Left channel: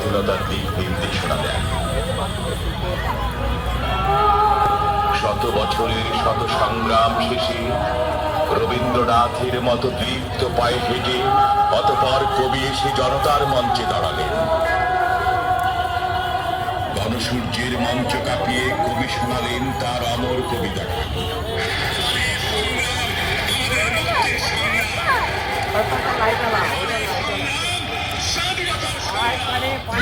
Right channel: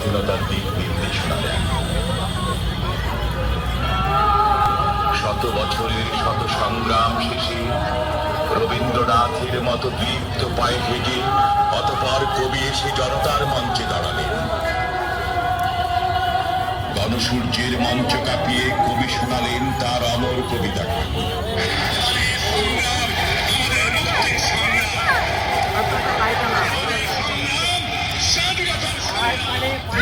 স্বাধীনতার দিক নির্দেশনা দেন। শত বছরের শত সংগ্রাম শেষে রবীন্দ্রনাথের মতো দীপ্ত পায়ে হেঁটে অতপর কবি এসে জনতার মঞ্চে দাঁড়াবেন। গণসূর্যের মঞ্চ কাঁপিয়ে কবি শোনালেন তার অমর কবিতাকে।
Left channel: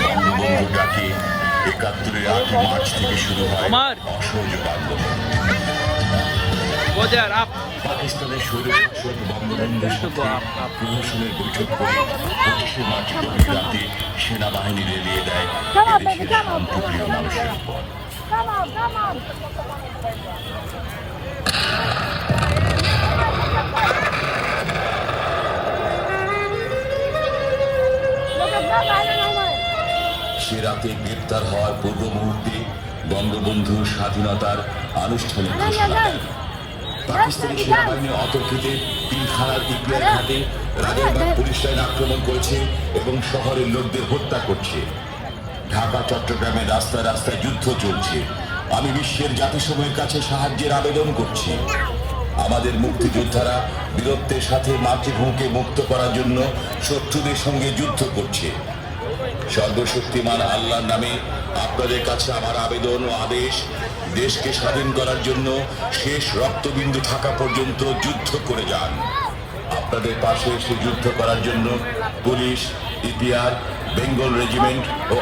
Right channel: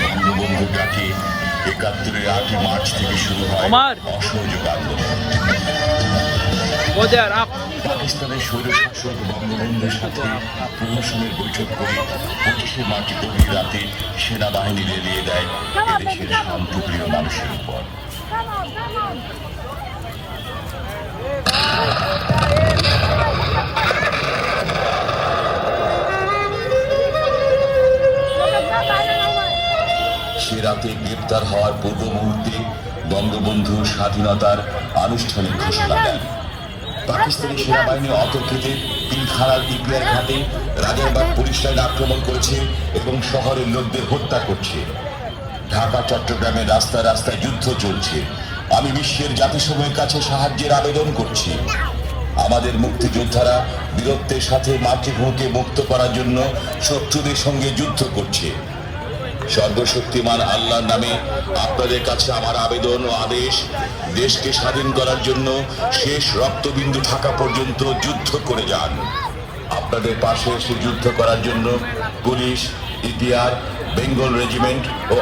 বঙ্গবন্ধু ডাকে ৭১-এর ৮ই মার্চ থেকে শুরু হয় অসহযোগ আন্দোলন। পাকিস্তানের স্বৈরশাসক বঙ্গবন্ধুর সাথে প্রহসনের বৈঠক করে ২৫শে মার্চ গভীর রাতে সেনাবাহিনী লেলিয়ে দেয় এদেশের শান্তিপ্রিয় মানুষের উপর। সে রাতে গ্রেপ্তার হওয়ার পূর্ব মুহূর্তে বঙ্গবন্ধু স্বাধীনতার আনুষ্ঠানিক ঘোষণা দেন। পাকিস্তানি সেনাবাহিনী অতর্কিতে পিলখানার ইপিআর ঘাটে রাজারবাগ পুলিশ লাইন আক্রমণ করেছে এবং শহরের লোকদের হত্যা করছে। ঢাকা চট্টগ্রামের রাস্তায় রাস্তায় যুদ্ধ চলছে। আমি বিশ্বের জাতিসমূহের কাছে সাহায্যের আবেদন করছি। আমাদের মুক্তিযোদ্ধারা বীরত্বের সাথে মাতৃভূমিকে মুক্ত করার জন্য শত্রুদের সঙ্গে যুদ্ধ করছে। সর্বশক্তিমান আল্লাহর নামে আপনাদের কাছে আমার আবেদন ও আদেশ, দেশকে স্বাধীন করার জন্য শেষ রক্তবিন্দু থাকা পর্যন্ত যুদ্ধ করে যান। আপনাদের পাশে এসে যুদ্ধ করার জন্য পুলিশ, ইপিআর, বেঙ্গল রেজিমেন্ট ও